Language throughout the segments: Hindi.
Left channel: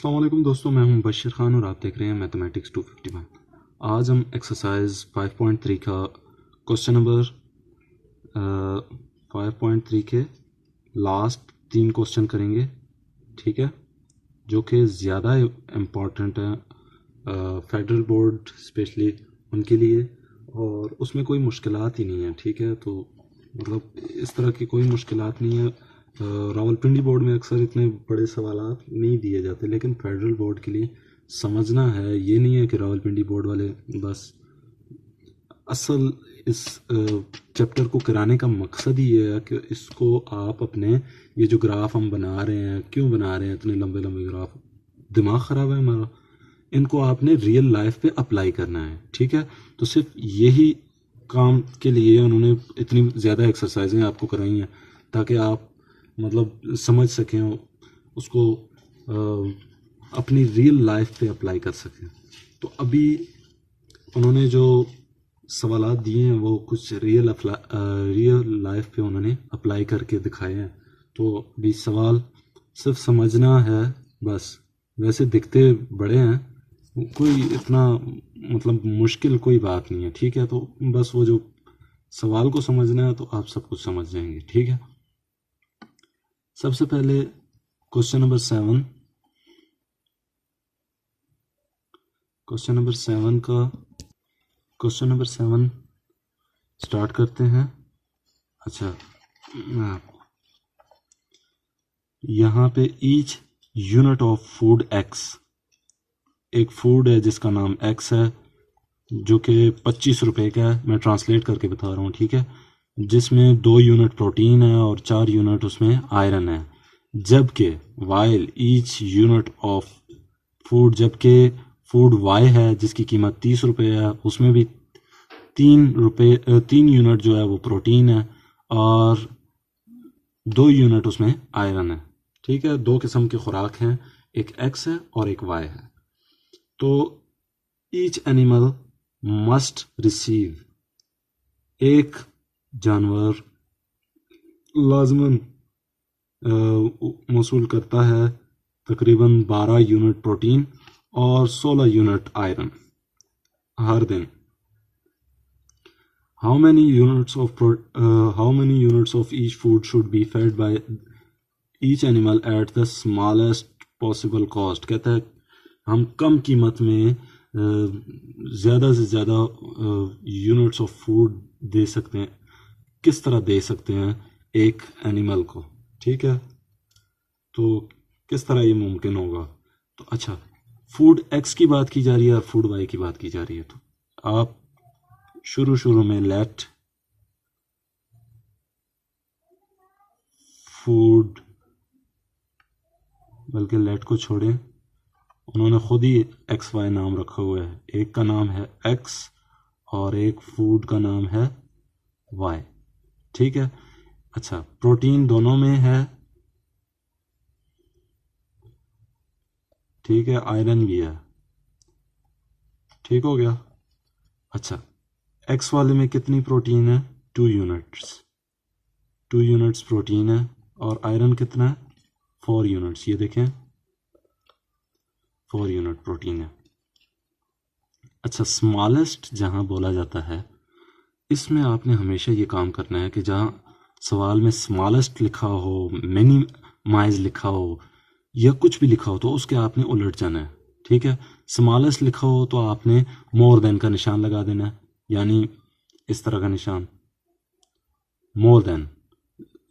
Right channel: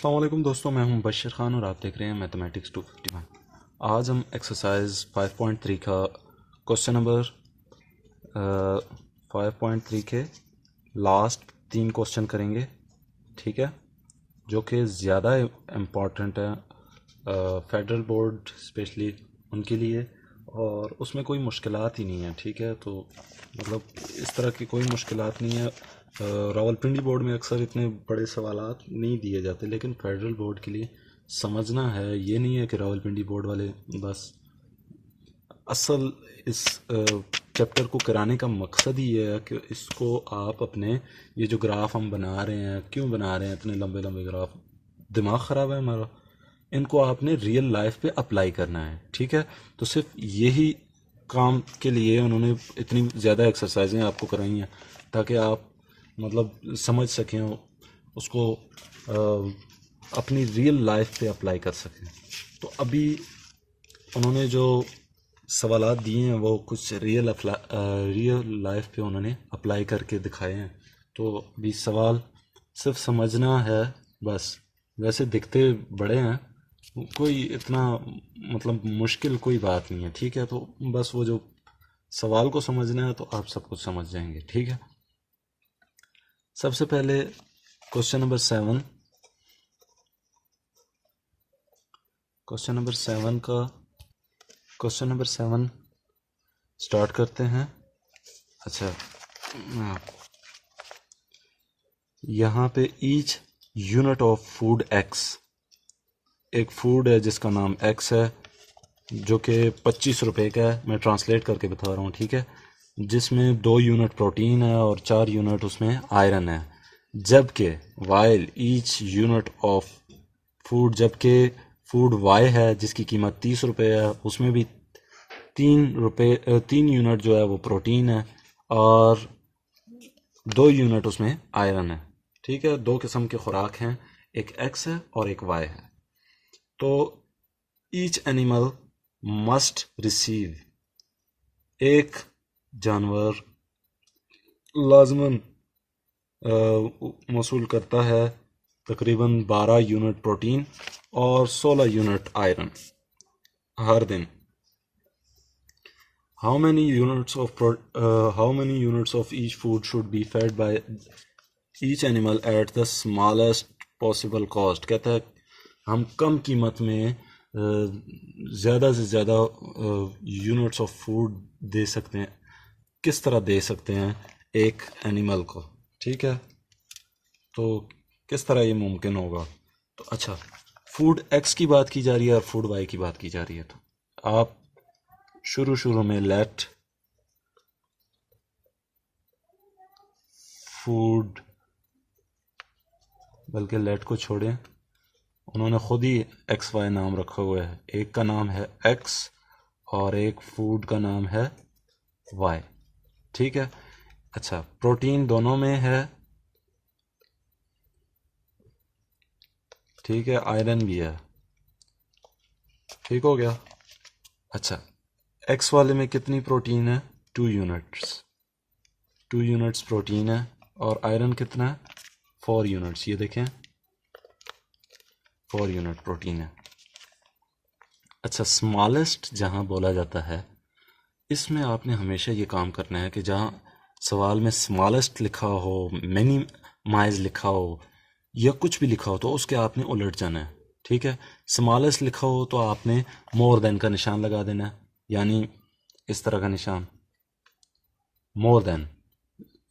अस्सलाम वालेकुम दोस्तों, मैं हूं बशीर ख़ान और आप देख रहे हैं मैथमेटिक्स 251। आज हम एक्सरसाइज 5.3 का क्वेश्चन नंबर 5.3 के लास्ट 3 क्वेश्चन करेंगे। ठीक है, जो कि ज़्यादा इम्पॉर्टेंट है फेडरल बोर्ड स्पेशली उनके लिए, और उसमें कोई मुश्किलात ही नहीं है। ठीक है, तो मतलब इस तरह की कोई मुश्किलात नहीं है। रावलपिंडी बोर्ड में अक्सर इतने बड़े सवालात नहीं दिए जाते, लेकिन फेडरल बोर्ड के लिए समझना है। ये नहीं है कि रावलपिंडी बोर्ड वाले बस, असल इस चैप्टर को कराने का मकसद ही ये है कि इसको आप अपने ये जो ग्राफ हम बना रहे हैं, क्यों बना रहे हैं इतने लंबे लंबे ग्राफ, दिमाग ख़राब है हमारा, इनको आपने रियल लाइफ पे अप्लाई करना है। ठीक है, तो सिर्फ यही काम के लिए उन्होंने इतनी ज़्यादा एक्सरसाइजें आपको कराई हैं ताकि आप मतलब समझ सकें उसको, अपनी रियल लाइफ पे अप्लाई कर सकें। तो अभी उन्होंने जो सवालात दिए हैं वो कुछ रियल लाइफ पे उन्होंने अप्लाई करके दिखाए हैं। तो अभी सवाल सिर्फ समझना है बस। वैसे दिखते बड़े हैं, कोई इतना मतलब मुश्किल कोई बात नहीं है। ठीक है, तो बस वो जो सवाल को समझना है तो आप सब कुछ समझ जाएंगे। ठीक है, सबसे पहले question number 7, question number 7 start करते हैं। अच्छा, यहाँ पे each unit of food x, एक फूड है जिसका नाम एक्स है जो कि 25 रुपए का है। मैं ट्रांसलेट करके बता रहा हूँ। ठीक है, जिसमें 2 यूनिट प्रोटीन है और 4 यूनिट उसमें आयरन है। जबकि while each unit of food, जबकि फूड वाई है जिसकी कीमत 30 रुपये है, उसमें भी 3 यूनिट जो है वो प्रोटीन है और 2 यूनिट उसमें आयरन है। ठीक है, 2 किस्म के खुराक हैं, एक एक्स है और एक वाई है। तो ईच एनिमल मस्ट रिसीव, एक जानवर लाजमन मौसूल करता है तकरीबन 12 यूनिट प्रोटीन और 16 यूनिट आयरन हर दिन। How many units of each food should be fed by each animal at the smallest possible cost? कहता है हम कम कीमत में ज़्यादा से ज़्यादा यूनिट्स ऑफ फूड दे सकते हैं, किस तरह दे सकते हैं एक एनिमल को। ठीक है, तो किस तरह ये मुमकिन होगा। तो अच्छा, फूड एक्स की बात की जा रही है और फूड वाई की बात की जा रही है। तो आप शुरू में लेट फूड, बल्कि लेट को छोड़ें, उन्होंने खुद ही एक्स वाई नाम रखा हुआ है। एक का नाम है एक्स और एक फूड का नाम है वाई। ठीक है, अच्छा, प्रोटीन दोनों में है। ठीक है, आयरन भी है। ठीक हो गया। अच्छा, एक्स वाले में कितनी प्रोटीन है? 2 यूनिट्स प्रोटीन है और आयरन कितना है? 4 यूनिट्स। ये देखें, 4 यूनिट प्रोटीन है। अच्छा, स्मॉलेस्ट जहां बोला जाता है, इसमें आपने हमेशा ये काम करना है कि जहां सवाल में स्मॉलेस्ट लिखा हो, मिनिमाइज लिखा हो या कुछ भी लिखा हो तो उसके आपने उलट जाना है। ठीक है, स्मॉलेस्ट लिखा हो तो आपने मोर देन का निशान लगा देना है, यानी इस तरह का निशान, मोर देन,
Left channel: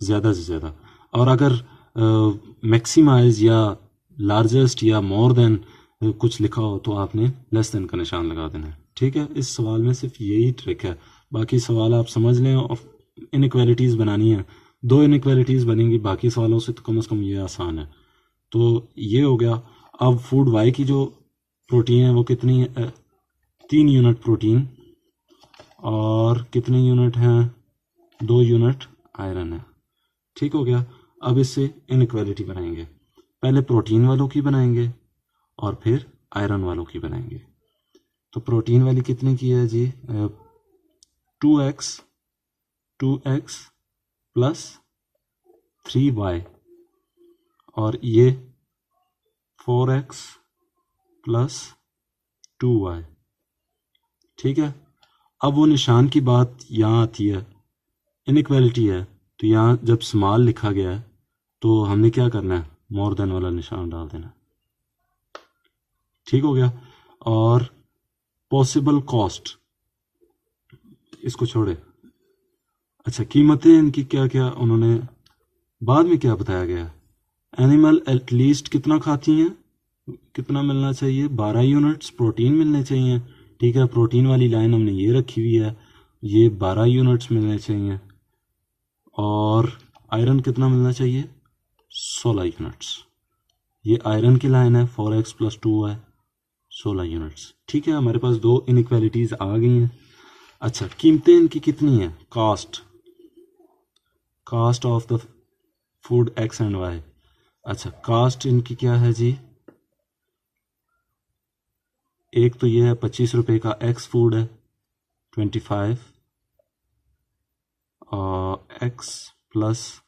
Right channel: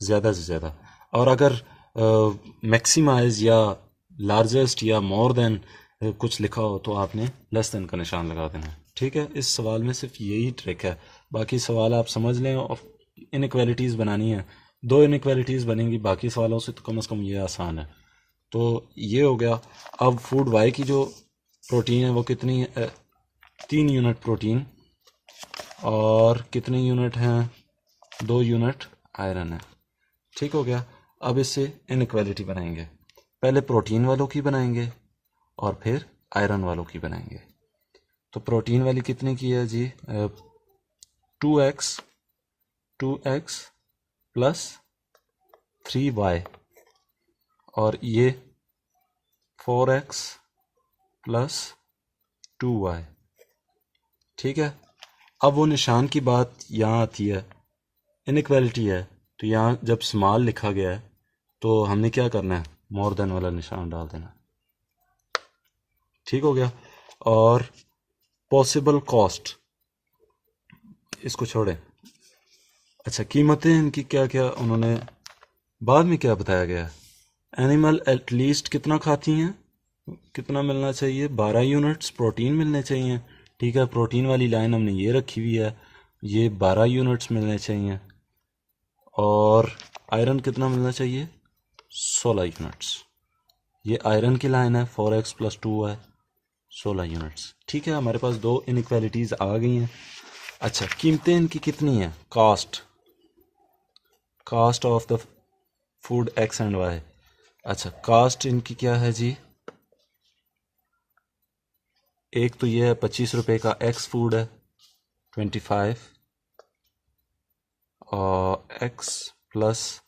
ज़्यादा से ज़्यादा। और अगर मैक्सिमाइज या लार्जेस्ट या मोर देन कुछ लिखा हो तो आपने लेस देन का निशान लगा देना है। ठीक है, इस सवाल में सिर्फ यही ट्रिक है, बाकी सवाल आप समझ लें। और इनइक्वालिटीज़ बनानी है, 2 इनइक्वालिटीज़ बनेंगी, बाकी सवालों से तो कम ये आसान है। तो ये हो गया। अब फूड वाई की जो प्रोटीन है वो कितनी है? 3 यूनिट प्रोटीन और कितने यूनिट हैं? 2 यूनिट आयरन है। ठीक हो गया। अब इससे इनइक्वालिटी बनाएंगे, पहले प्रोटीन वालों की बनाएंगे और फिर आयरन वालों की बनाएंगे। तो प्रोटीन वाली कितने की है जी? 2x प्लस 3y और ये 4x प्लस 2y। ठीक है, अब वो निशान की बात यहाँ आती है, इनइक्वालिटी है, तो यहाँ जब स्मॉल लिखा गया है तो हमने क्या करना है, मोर देन वाला निशान डाल देना। ठीक हो गया। और पॉसिबल कॉस्ट, इसको छोड़े। अच्छा, कीमतें इनकी क्या क्या उन्होंने बाद में क्या बताया गया है, एनिमल एटलीस्ट कितना खाती हैं, कितना मिलना चाहिए, 12 यूनिट्स प्रोटीन मिलने चाहिए। ठीक है, प्रोटीन वाली लाइन हमने ये रखी हुई है, ये 12 यूनिट्स मिलने चाहिए। और आयरन कितना मिलना चाहिए, 16 यूनिट्स। ये आयरन की लाइन है, 4x प्लस 2y, 16 यूनिट्स। ठीक है, हमारे पास दो इनइक्वालिटीज़ आ गई हैं। अच्छा, कीमतें इनकी कितनी है, cost of the food x and y। अच्छा, कास्ट इनकी क्या है जी, एक तो ये है 25 रुपये का x फूड है, 25 और x प्लस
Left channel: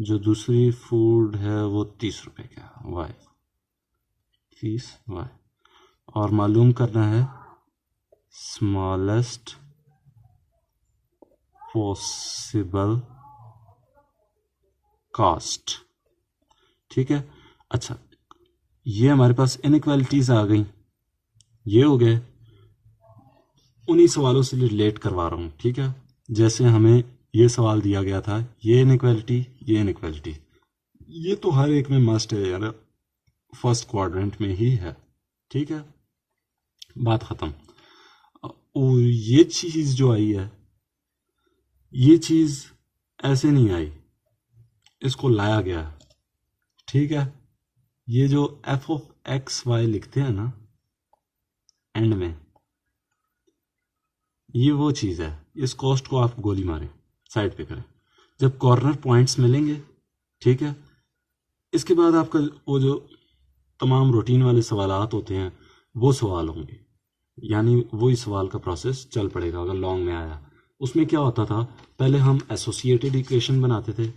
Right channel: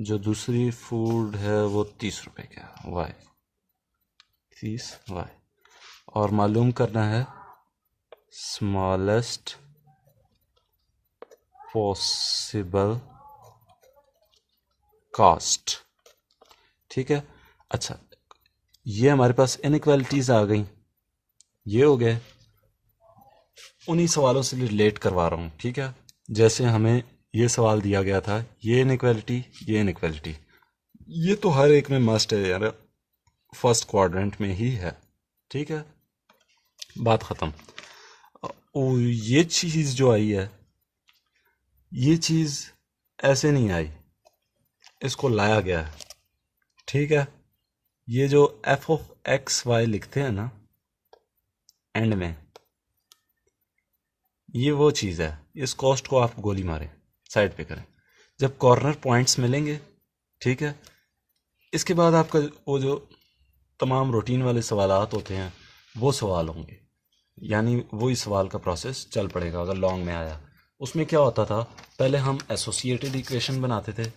जो दूसरी फूड है वो 30 रुपये का y, 30y। और मालूम करना है स्मॉलेस्ट पॉसिबल कास्ट। ठीक है। अच्छा, ये हमारे पास इनइक्वालिटीज़ आ गई, ये हो गए। उन्हीं सवालों से रिलेट करवा रहा हूँ। ठीक है, जैसे हमें ये सवाल दिया गया था, ये इनइक्वालिटी, ये इनइक्वालिटी, ये तो हर एक में मस्ट है यार, फर्स्ट क्वाड्रेंट में ही है। ठीक है, बात ख़त्म। ये चीज़ जो आई है, ये चीज़ ऐसे नहीं आई, इसको लाया गया है। ठीक है, ये जो एफ ऑफ एक्स वाई लिखते हैं ना एंड में, ये वो चीज़ है। इस कॉस्ट को आप गोली मारें, साइड पे करें, जब कॉर्नर पॉइंट्स मिलेंगे। ठीक है, इसके बाद आपका वो जो तमाम रूटीन वाले सवालात होते हैं वो सवाल होंगे, यानी वही सवाल का प्रोसेस चल पड़ेगा। अगर लॉन्ग में आया, उसमें क्या होता था, पहले हम एसोसिएटेड इक्वेशन बनाते थे,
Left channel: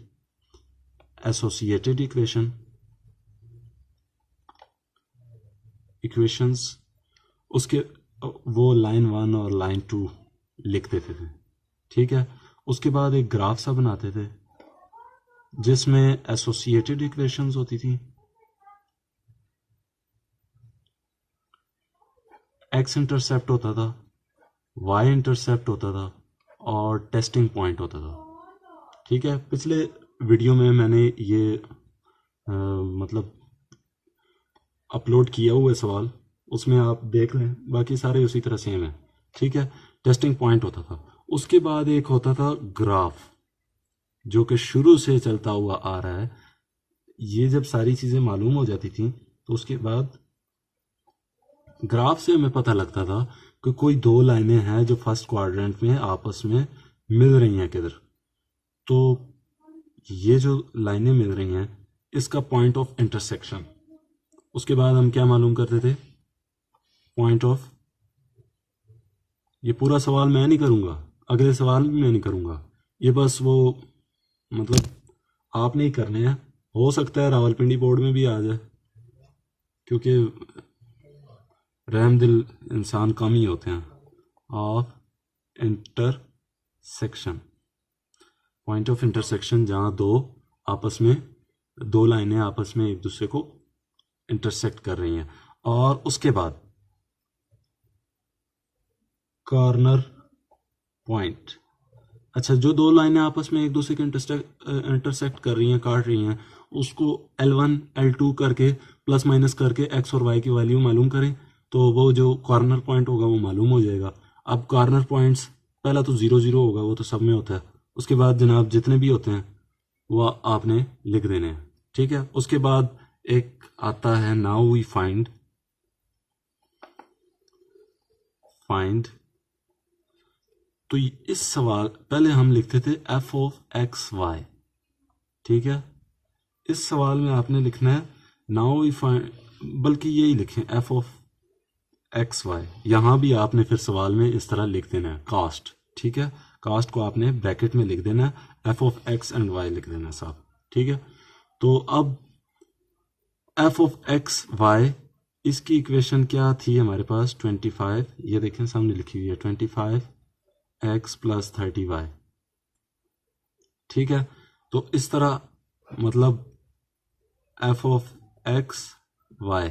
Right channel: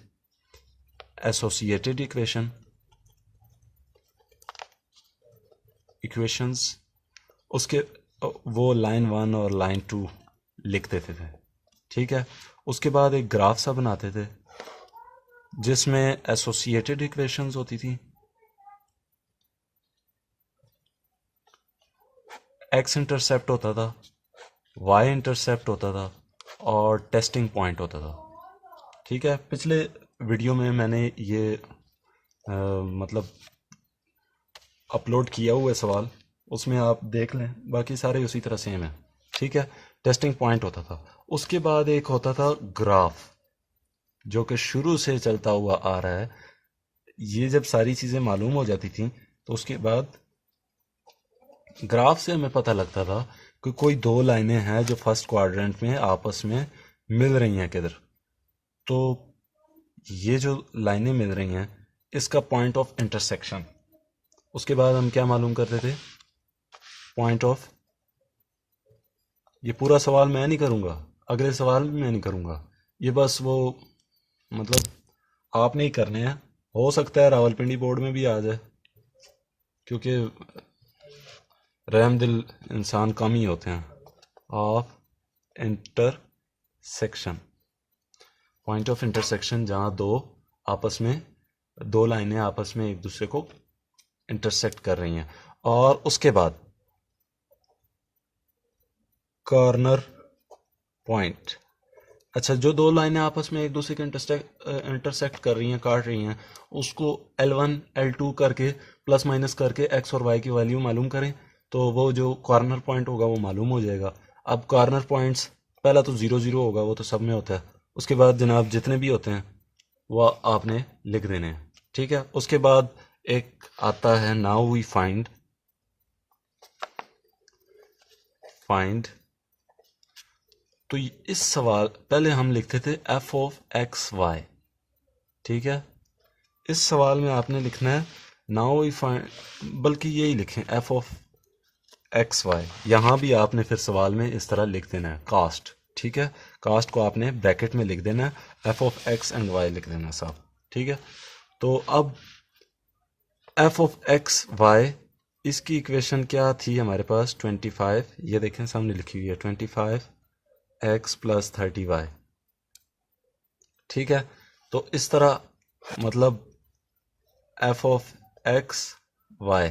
एसोसिएटेड इक्वेशंस, उसके वो लाइन 1 और लाइन 2 लिख देते थे। ठीक है, उसके बाद एक ग्राफ सा बनाते थे जिसमें एसोसिएटेड इक्वेशंस होती थी, एक्स इंटरसेप्ट होता था, वाई इंटरसेप्ट होता था और टेस्टिंग पॉइंट होता था। ठीक है, पिछले वीडियो में मैंने ये मतलब अपलोड किया हुआ है सवाल, उसमें आप देख लें, बाकी सारे उसी तरह सेम है। ठीक है, टेस्टिंग पॉइंट होता था, उसके बाद एक होता था ग्राफ, जो कि शुरू से चलता हुआ आ रहा है। ये जब सारी चीज़ें मालूम हो जाती थी तो उसके बाद ग्राफ से हमें पता लगता था कि कोई दो लाइनें हैं जो फर्स्ट क्वाड्रेंट में आपस में मिल रही हैं किधर। तो ये जो लाइनें मिल रही हैं, इसका पॉइंट ऑफ इंटरसेक्शन, उसके बाद हम क्या मालूम करते थे, पॉइंट ऑफ, ये पूरा सवाल मैं नहीं करूँगा, अगले सवाल भी मैं नहीं करूँगा, ये बस वो मतलब आपने ही करने हैं। हो सकता है रावलपिंडी बोर्ड में भी आ जाए, क्योंकि रहम दिल इंसान कम ही होते हैं। Of intersection, point of intersection, जहाँ दो लाइनें आपस में एक दूसरे को इंटरसेक्ट कर रही हैं। और उसके बाद कॉर्नर पॉइंट। अच्छा, जो दो लाइनें आपस में एक दूसरे के इंटरसेक्ट कर रही हैं, काट रही हैं, उसको L1 L2 करके प्लस माइनस करके x और y की वैल्यू मालूम करें, तो वो जो कॉर्नर पॉइंट होगा वो मालूम हो जाएगा। अब कॉर्नर पॉइंट्स, पहला तो 0 0 होगा, वो तो सब में होता है। उसके बाद जनाब जितने भी होते हैं वो आपने लिख देने हैं। ठीक है, उसके बाद एक आता है नाउ वी फाइंड तो इस सवाल पहले हम लिखते थे एफ ऑफ एक्स वाई। ठीक है, इस सवाल में आपने लिखना है नाउ वी फाइंड, बल्कि यही लिखें एफ ऑफ एक्स वाई। यहाँ भी आपने फिर सवाल में इस तरह लिख देना है कास्ट। ठीक है, कास्ट को आपने ब्रैकेट में लिख देना है, F of X and Y लिख देना है साहब। ठीक है, तो अब एफ ऑफ एक्स वाई, इसकी इक्वेशन क्या थी हमारे पास 25, ये देखें सामने लिखी हुई है 25x प्लस 30y। ठीक है, तो इस तरह मतलब एफ ऑफ एक्स वाई।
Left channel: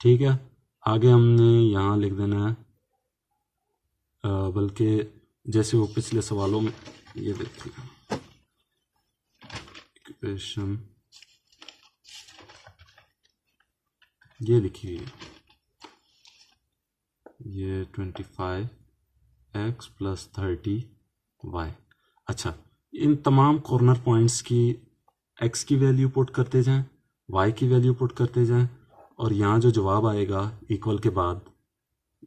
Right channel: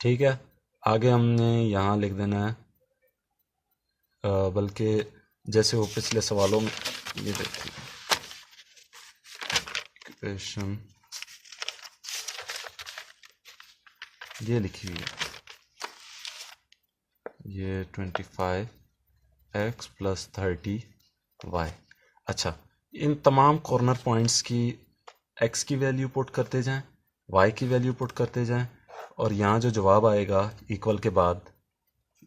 ठीक है, आगे हमने यहाँ लिख देना है, बल्कि जैसे वो पिछले सवालों में ये देखिए इक्वेशन ये लिखी हुई है, ये 25x प्लस 30y। अच्छा, इन तमाम कॉर्नर पॉइंट्स की x की वैल्यू पुट करते जाएं, y की वैल्यू पुट करते जाएं, और यहाँ जो जवाब आएगा इक्वल के बाद,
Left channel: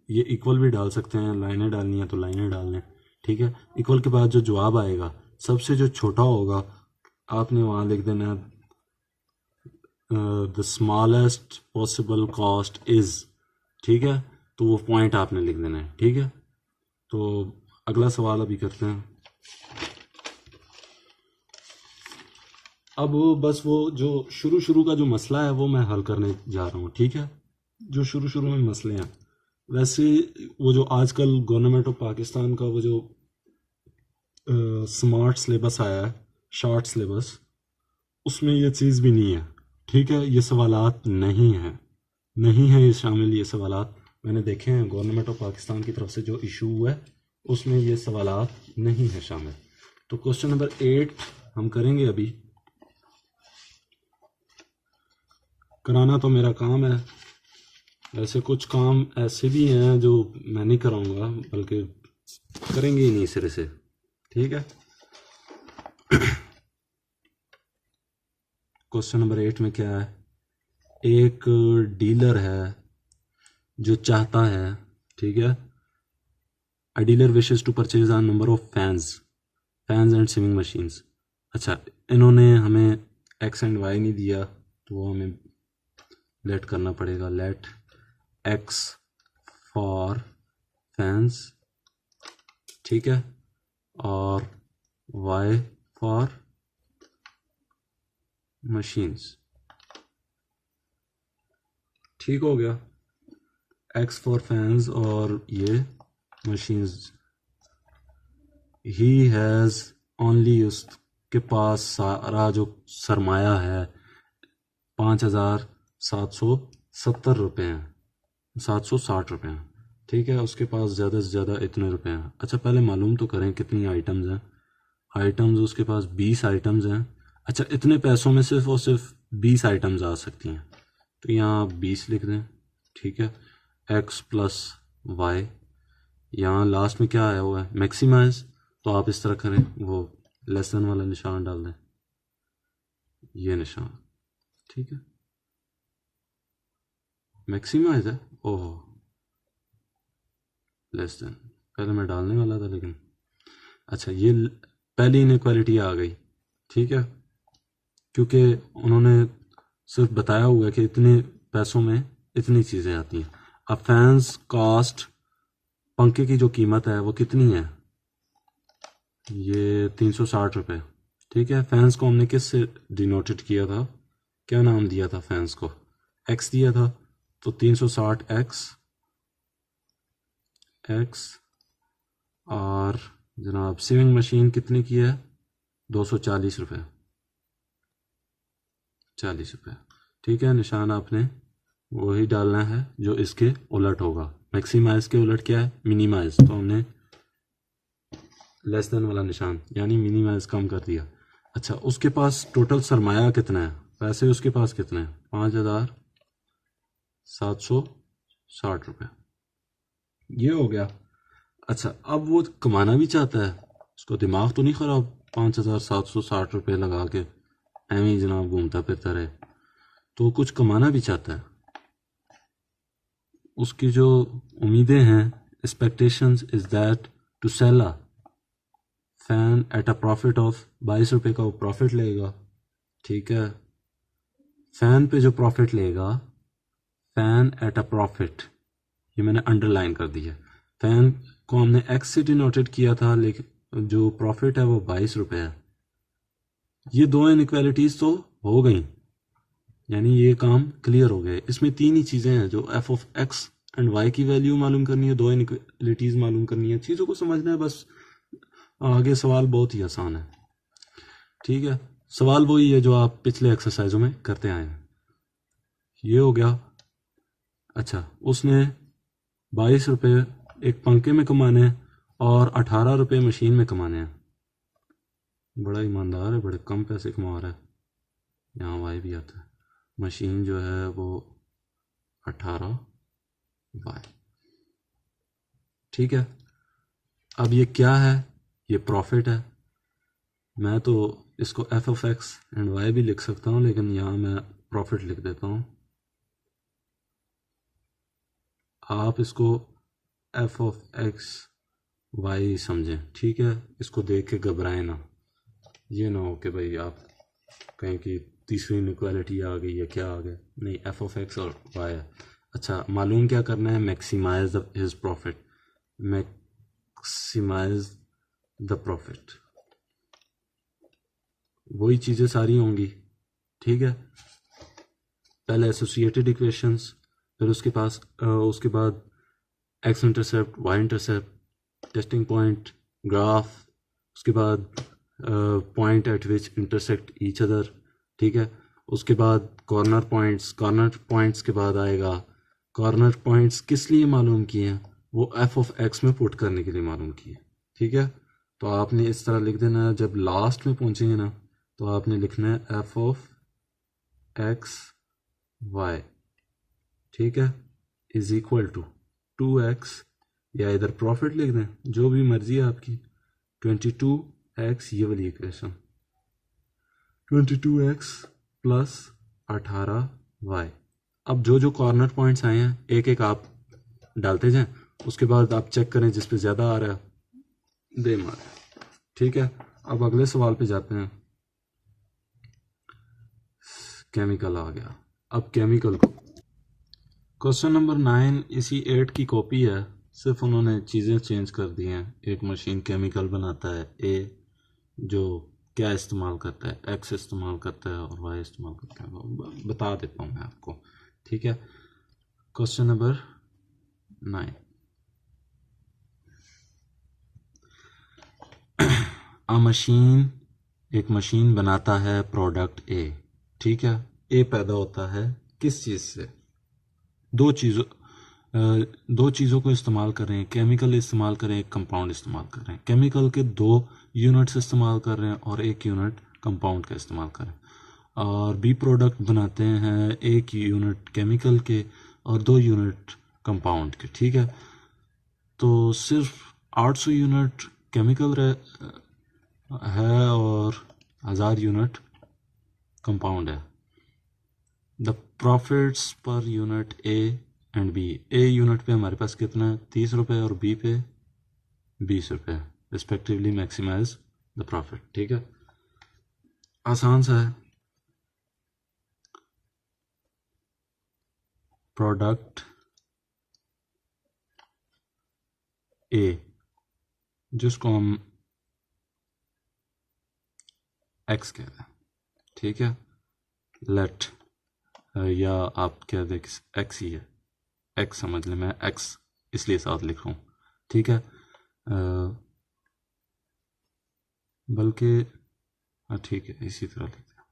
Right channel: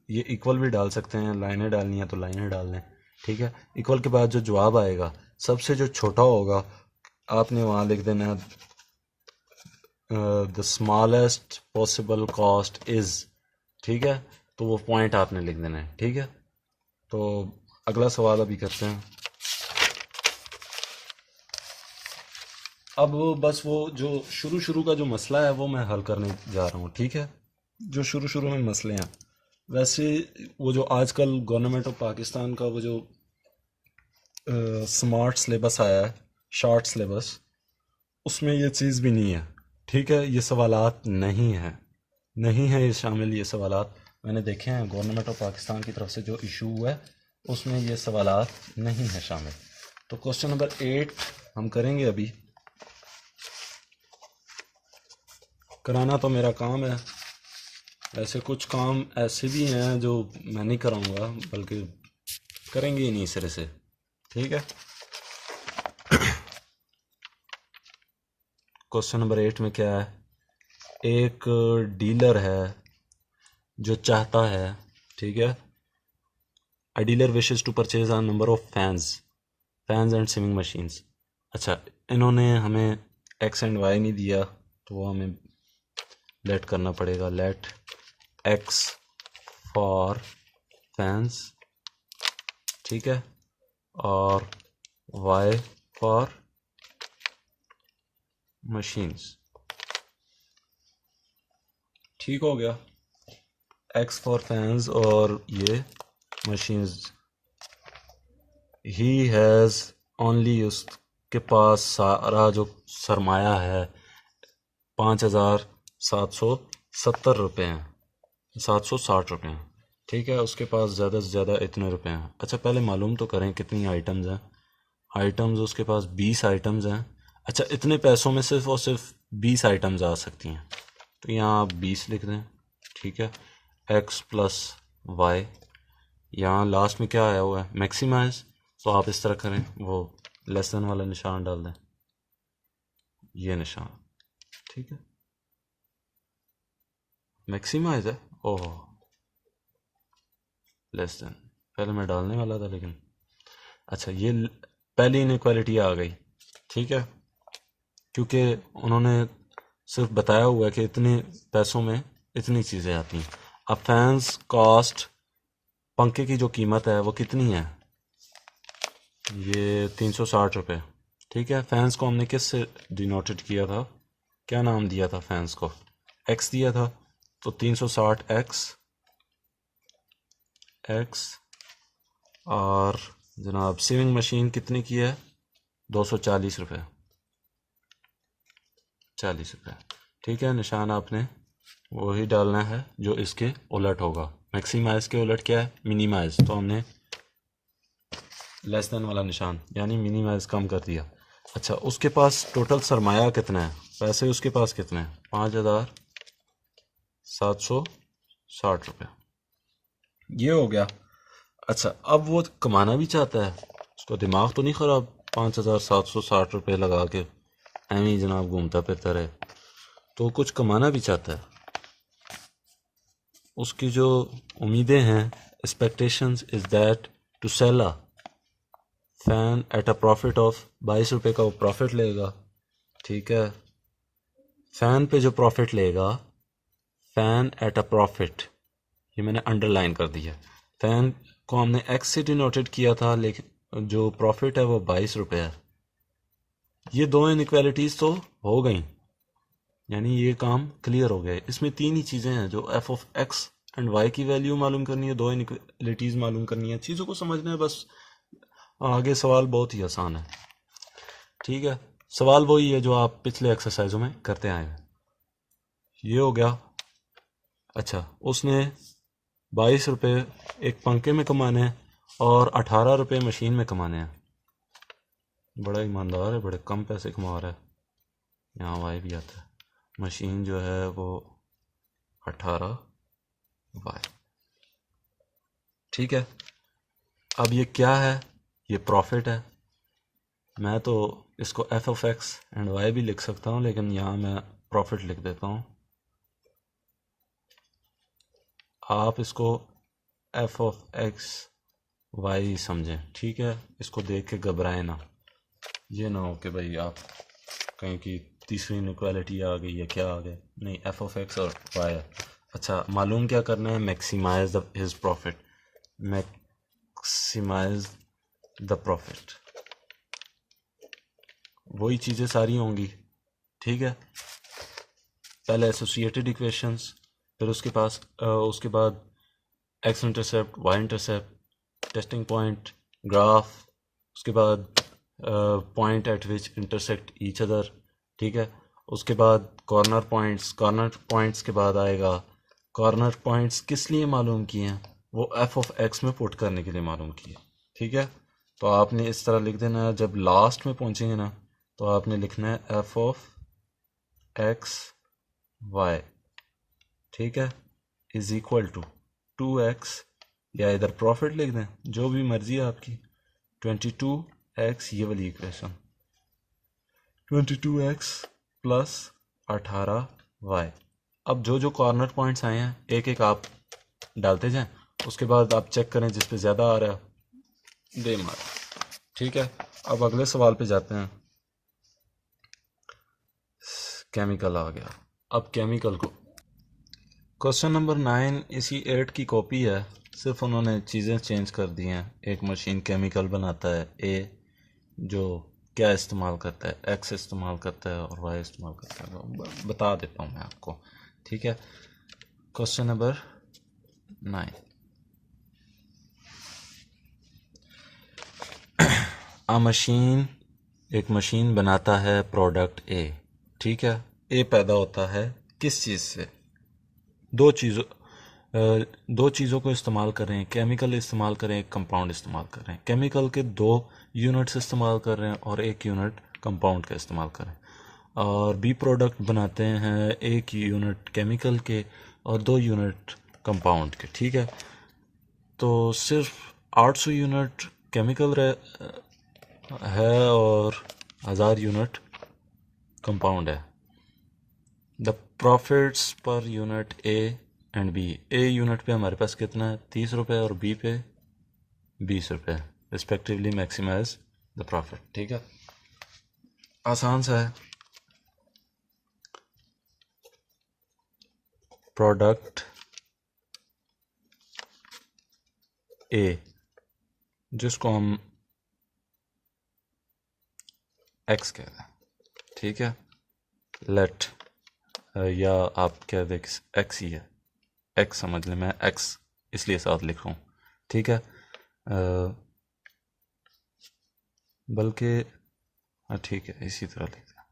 ये इक्वल भी डाल सकते हैं, लाइनें डालनी है तो लाइनें डाल लें। ठीक है, इक्वल के बाद जो जवाब आएगा सबसे जो छोटा होगा आपने वहाँ लिख देना है the smallest possible cost is. ठीक है, तो वो पॉइंट आपने लिख देना है। ठीक है, तो अगला सवाल अभी करते हैं। अब बस वो जो शुरू का जो मसला है वो मैं हल करने जा रहा हूँ। ठीक है, जो शुरू में मसले हैं, वैसे वो जो आजकल गवर्नमेंट ऑफ पाकिस्तान का वो जो स्मार्ट सिलेबस आया है, शॉर्ट सिलेबस, उसमें ये चीज़ भी नहीं है। ठीक है, ये सवालात नहीं है ये शामिल, ये सवालात मैंने देखे हैं गवर्नमेंट ऑफ पाकिस्तान की तरफ से जो इशू हुआ है उसमें ये सवालात नहीं है शामिल। तो क्वेश्चन नंबर 8 हम करेंगे अभी। कराना तो मेरा काम है, ऐसे कुछ काम ऐसे भी हैं जो मैं नहीं कराऊंगा, बल्कि करेंगे ही नहीं सिरे से। ठीक है, क्वेश्चन नंबर 8 में क्या है, एक डीलर है जो चाहता है, ठीक है, a dealer wishes to purchase a number of fans and swimming machines. अच्छा, इन्होंने हमें एक्स एंड वाई नहीं दिया, तो वो हमें लेट करना पड़ेगा, लेट एक्स फॉर फैंस, ठीक है, और वाई फॉर मशीन्स। ठीक हो गया, एक्स फॉर फैंस और ये मशीन्स। ही हैज़ ओनली, उसके पास सारा जो सरमाया है 5,770 रुपये हैं, 760 रुपये हैं। ठीक है, उसके पास ज़्यादा से ज़्यादा इतने रुपए हैं। अच्छा, पहले मालूम तो करें कितनी आइटम्स हैं। आइटम्स उसके पास 20 आइटम्स हैं। अच्छा, इतने पैसों में सिर्फ और सिर्फ 20 आइटम्स आ सकती हैं, तो यहाँ आप 20 लिख दें। ठीक है, एक्स प्लस वाई, यहाँ लास्ट में क्या आया हुआ है, मैक्सिमाइज, तो आप इस तरह करें, वो लेस देन वाला निशान डाल दें, ये निशान। ठीक है, मैक्सिमाइज है, ओह लेस देन, पहले मैं डालने वाला था लेकिन। अच्छा, ये पहली इनइक्वालिटी आ गई। ठीक है, क्योंकि उन्होंने सिर्फ बताया हुआ है कि इतने पैसों में इतनी चीज़ें आती हैं। अब फैंस कॉस्ट, पंखे की जो कीमत है वो कितनी है, ये 360 रुपये। ठीक है, फैंस को हमने किस से डिनोटेड किया था, क्या नाम दिया था फैंस को, एक्स दिया था, तो 360 एक्स। और जनाब सीविंग मशीन कितने की है, 240 रुपये, 40 रुपये। ठीक है, निशान आपने वही डालना है जो इसके उलट होगा। मैक्सिमाइज के उलट क्या है, मिनिमाइज, तो हमने लेस देन वाला निशान यानी मिनिमाइज कम कर दिया। अच्छा, उसके पास टोटल सरमाया कितना है, पैसे उसके पास कितने हैं, 5,760 रुपये, ये हो गया। अच्छा, अब वो कमाना भी चाहता है, उसको दिमाग तो नहीं ख़राब 5,760 रुपये लगा के एवं ही जनाब घूमता फिरता रहे, तो कुछ कमाना भी चाहता है। उसकी जो उम्मीदें हैं, expectations is that to sell a fan at a profit of 22 रुपये का वो प्रॉफिट लेगा। ठीक है, फ़ैन पे जो प्रॉफिट लेगा, फ़ैन एट अ प्रॉफिट, ये मैंने अंडरलाइन कर दिया। फ़ैन को हमने एक्स से डिनोटेड किया था, लेकिन जो प्रॉफिट है वो 22 रुपये है। ये दो इनइक्वालिटीज़ तो हो गई, यानी ये काम क्लियर हो गया है। इसमें तीन ही चीज़ें हैं, जो F of X and Y की वैल्यू मालूम करनी है, दो इनइक्वालिटीज़ मालूम करनी है, चीज़ों को समझना है बस। आगे सवाल बहुत ही आसान है। ठीक है, सवाल वही है जो आप पिछले एक्सरसाइजों में करते आए हैं। ये हो गया। अच्छा, उसने 22 रुपये एक पंखे में कमाने हैं और 18 रुपये मशीन में कमाने हैं। बड़ा ईमानदार है, बड़े कम पैसे कमा रहा है। यहाँ वाई भी आता है। मशीन जो है वो 18 वाई। ठीक है, अब ये क्या है? ये प्रॉफिट है। मैं तो इसको F of X and Y भी लिख सकता हूँ, लेकिन यहाँ मैं प्रॉफिट लिख देता हूँ। आप इसको एफ ऑफ एक्स वाई समझें, ठीक है? इसको देख के घबराएं ना। ये ना हो कि भाई आप कहें कि तीसरी इनइक्वालिटी आ गई या क्या आ गया। नहीं, एफ ऑफ एक्स और वाई है। अच्छा, मालूम क्या करना है? Maximise the his profit. Maximise the profit, वही चीज़ें सारी होंगी। ठीक है, पहले एसोसिएटेड इक्वेशंस, फिर उसके बाद X intercept, Y intercept, testing point, graph, उसके बाद point at which intersect each other. ठीक है, उसके बाद कॉर्नर पॉइंट्स के बाद आएगा कॉर्नर पॉइंट्स किस लिए मालूम किए हैं? वो एफ ऑफ एक्स में पुट करने के लिए मालूम किए। ठीक है, तो आपने इस तरह लिख देना है। जब लास्ट में पहुंचेंगे ना, तो आपने लिखना है एफ ऑफ एक्स वाई, ठीक है, इज इक्वल टू 2x, या इधर प्रॉफिट लिख दें, जो भी मर्जी है आपकी। 22x, ये वाली इक्वेशन, 22x प्लस 18y। अब जो जो कॉर्नर पॉइंट्स आए हैं एक एक आप डालते जाएं, उसके बाद आप चेक करें जिस पे ज़्यादा आ रहा है दे मार। ठीक है, अब अगले सवाल पे जाते हैं। केमिकल आ गया। अब केमिकल को, क्वेश्चन नंबर 9 इसी 8 की कॉपी है, सिर्फ उन्होंने चीज़ें चेंज कर दी हैं। एक मशीन केमिकल बनाता है ए, जो क्या इस्तेमाल करता है? एक्स इस्तेमाल करता है और वाई इस्तेमाल करता है। बता देता हूँ मैं आपको। ठीक है, क्वेश्चन नंबर 9, एक मशीन बनाता है प्रोडक्ट ए। ठीक है, ए पैदा होता है किस चीज़ से? दो चीज़ों को इस्तेमाल कर रहे हैं, केमिकल इस्तेमाल कर रहे हैं, एक कंपाउंड इस्तेमाल कर रहे हैं। केमिकल के 2 यूनिट्स इस्तेमाल कर रहे हैं और 1 यूनिट कंपाउंड का इस्तेमाल कर रहे हैं। और बी प्रोडक्ट बनाते हैं 1 यूनिट केमिकल के और 2 यूनिट कंपाउंड के। ठीक है, तो सिर्फ 800 यूनिट केमिकल है और 1000 यूनिट कंपाउंड है। The profits per unit A and B, A unit पे हमारे पास कितना है? 30 रुपये, और बी पे 20 रुपये रिस्पेक्टिवली। Maximise the profit. ठीक है, आसान सा है। प्रोडक्ट ए, जिसको हम एक्स कहते हैं, ठीक है, लेट, या आप कह दें एक्स ही है, एक्स समझ लें, मैं एक्स इसलिए साथ लिख रहा हूँ। ठीक है, बल्कि ठीक है, इसी तरह लिखते हैं।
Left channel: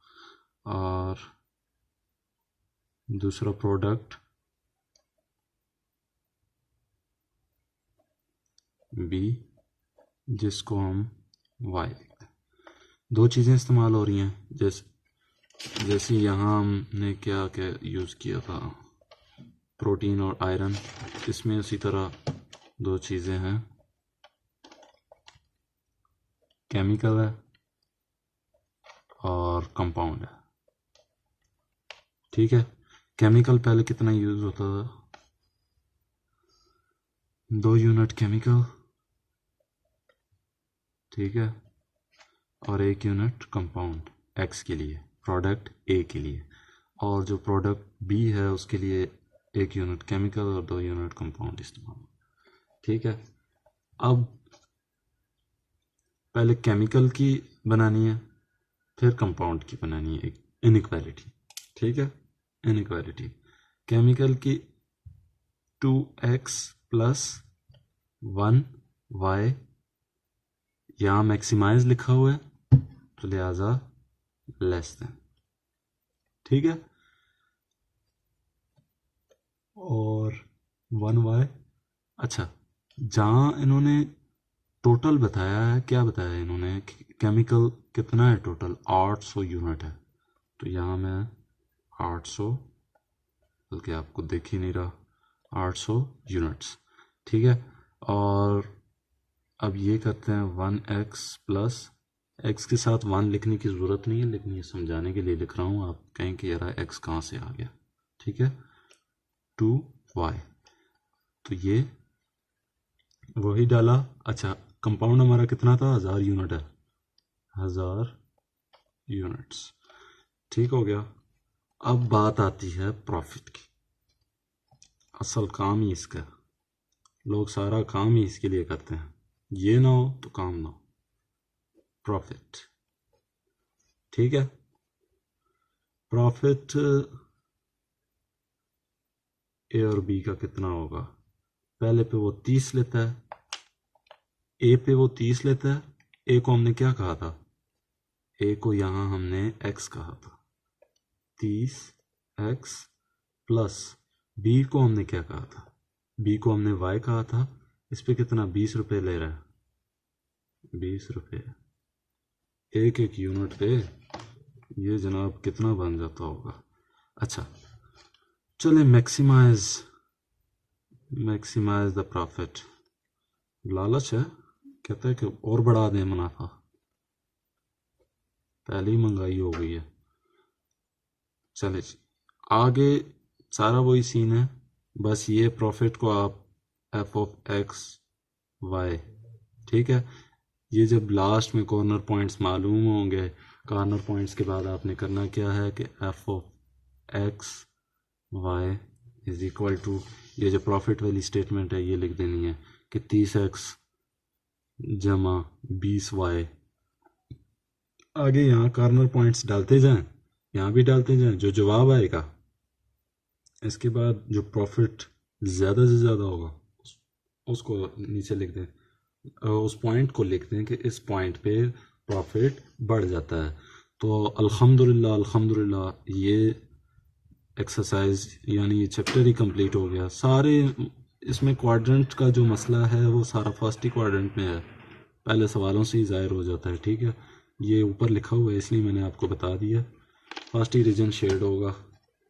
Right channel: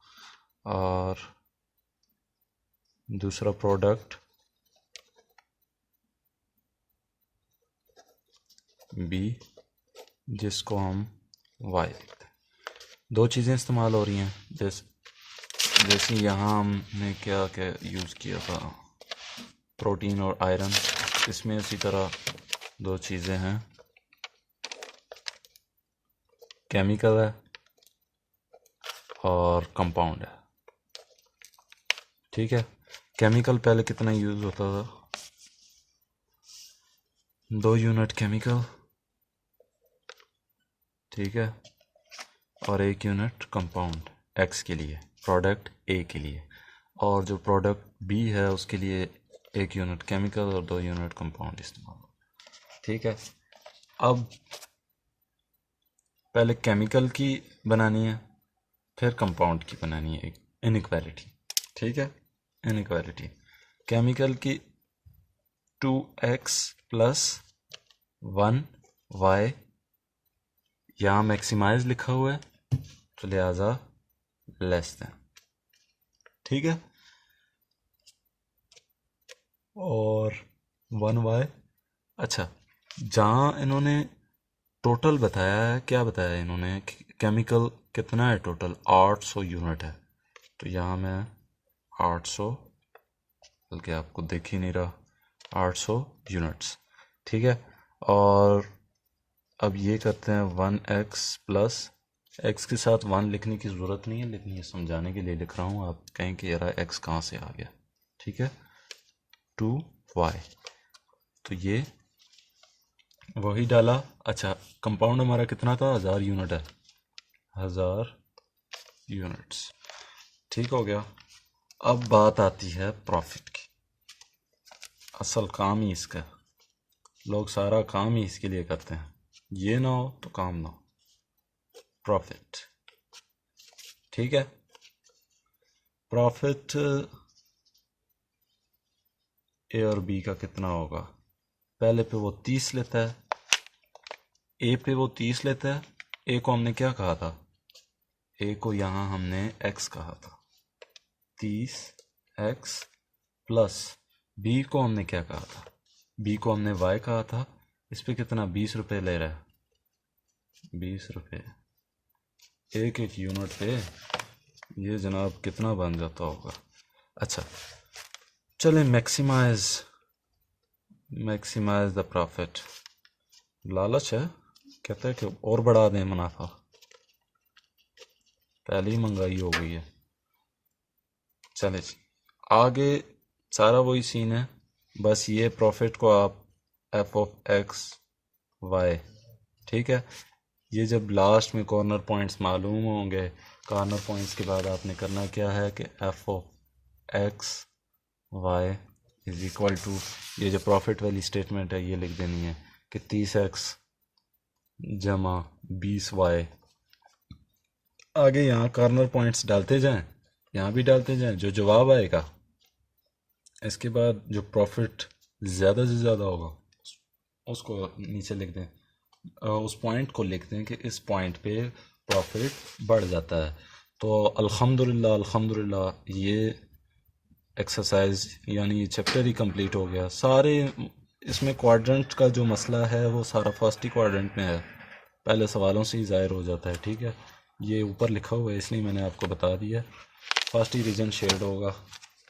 और दूसरा प्रोडक्ट बी, जिसको हम वाई लिखते हैं। दो चीज़ें इस्तेमाल हो रही हैं, जैसे यहाँ हमने क्या क्या यूज़ किया था, प्रोटीन और आयरन। इसमें इसी तरह दो चीज़ें हैं, केमिकल है और कंपाउंड है। ठीक है, केमिकल पहले कितना यूज़ होता था? 2 यूनिट केमिकल, ठीक है, और 1 यूनिट कंपाउंड एक्स के लिए, प्रोडक्ट ए के लिए। और जो प्रोडक्ट बी है उसके लिए 1 यूनिट केमिकल और 2 यूनिट कंपाउंड इस्तेमाल होगा। ठीक है, अब पहले केमिकल की बनानी है, फिर कंपाउंड की बनानी है, इनइक्वालिटी। ठीक है, इनइक्वालिटी। केमिकल की 2x प्लस 1y, यहाँ मैक्सिमाइज लिखा हुआ है तो लिहाजा लेस देन, ठीक है। और 1y, अच्छा जहाँ इन्होंने टोटल बताया है, क्या बताया है इन्होंने, केमिकल कितना है टोटल, 800 यूनिट है, तो यहाँ मैं 800, बल्कि आपको दिख ही नहीं रहा, 800 यूनिट्स, ठीक है। और अब ये करते हैं 1x प्लस, x के साथ 1 लिखने की ज़रूरत नहीं है, लेकिन ये समझाने के लिए लिख रहा हूँ, आप कहें कि यार x कहाँ से आ गया, ठीक है। 2y, तो ये वही डाला। अच्छा कंपाउंड हमारा कितना था, 1000 यूनिट है, 1000 यूनिट्स, ठीक हो गया। अब बात आती है प्रॉफिट की, असल काम ही इसका, लोग सारा काम ही इसके लिए करते हैं, ये ना हो तो काम ना हो, प्रॉफिट, ठीक है। प्रॉफिट ए और बी का कितना होगा, पहले पे वो 30 लेता है, ए पे वो 30 लेता है, ए को हमने क्या कहा था, ए को यहाँ हमने x कहा था, 30x प्लस बी को हमने क्या कहा था, बी को हमने y कहा था, इस पे कितना 20 रुपये ले रहा है, 20 रुपये एक एक यूनिट पे, ये जनाब कितना बन जाता होगा। अच्छा चले मैक्सिमाइज द प्रॉफिट, लालच है, कहता है कि और बढ़ा दें मुनाफा, पहले ही महंगाई हो गई है। चले जी आगे सारा वही सीन है, बस ये प्रॉफिट को आप एफ ऑफ एक्स वाई, ठीक है, ये जब लास्ट में कॉर्नर पॉइंट्स मालूम होंगे, कॉर्नर पॉइंट्स के बाद आपने करना क्या है कि F of X Y is equal to, ये जो प्रॉफिट वाली स्टेटमेंट है ये लिख देनी है कि 30x जमा 20y, आगे यहाँ कॉर्नर पॉइंट्स डालते जाएं, यहाँ भी डालते जाएं, जो जवाब आएगा इसके बाद जो प्रॉफिट ज़्यादा से ज़्यादा होगा उसको नीचे लिख दें, उस पॉइंट को लिख दें कि इस पॉइंट पे प्रॉफिट बढ़ जाता है। तो अल्हम्दुलिल्लाह ये एक्सरसाइज यानी ये चैप्टर ही कंप्लीट हो गया। सारे इसमें क्वाड्रेंट का जो मसला है वो सारा फर्स्ट ही क्वाड्रेंट में है, पहले सवालों से ही ज़ाहिर हो जाता है, ठीक है। ये ऊपर लिखा हुआ है इसलिए मैंने आपको बता दिया, फर्स्ट ही रीजन शेड होगा,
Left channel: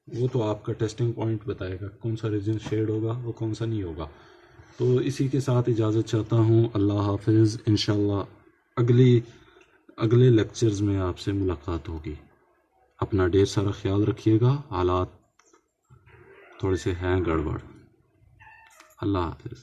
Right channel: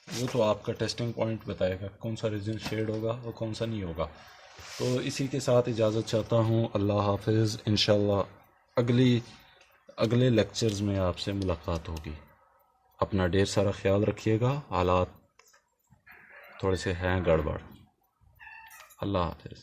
वो तो आपका टेस्टिंग पॉइंट बताएगा कौन सा रीजन शेड होगा और कौन सा नहीं होगा। तो इसी के साथ इजाज़त चाहता हूँ, अल्लाह हाफिज़, इंशाल्लाह अगले लेक्चर्स में आपसे मुलाकात होगी। अपना ढेर सारा ख्याल रखिएगा, हालात थोड़े से हैं गड़बड़। अल्लाह हाफिज़।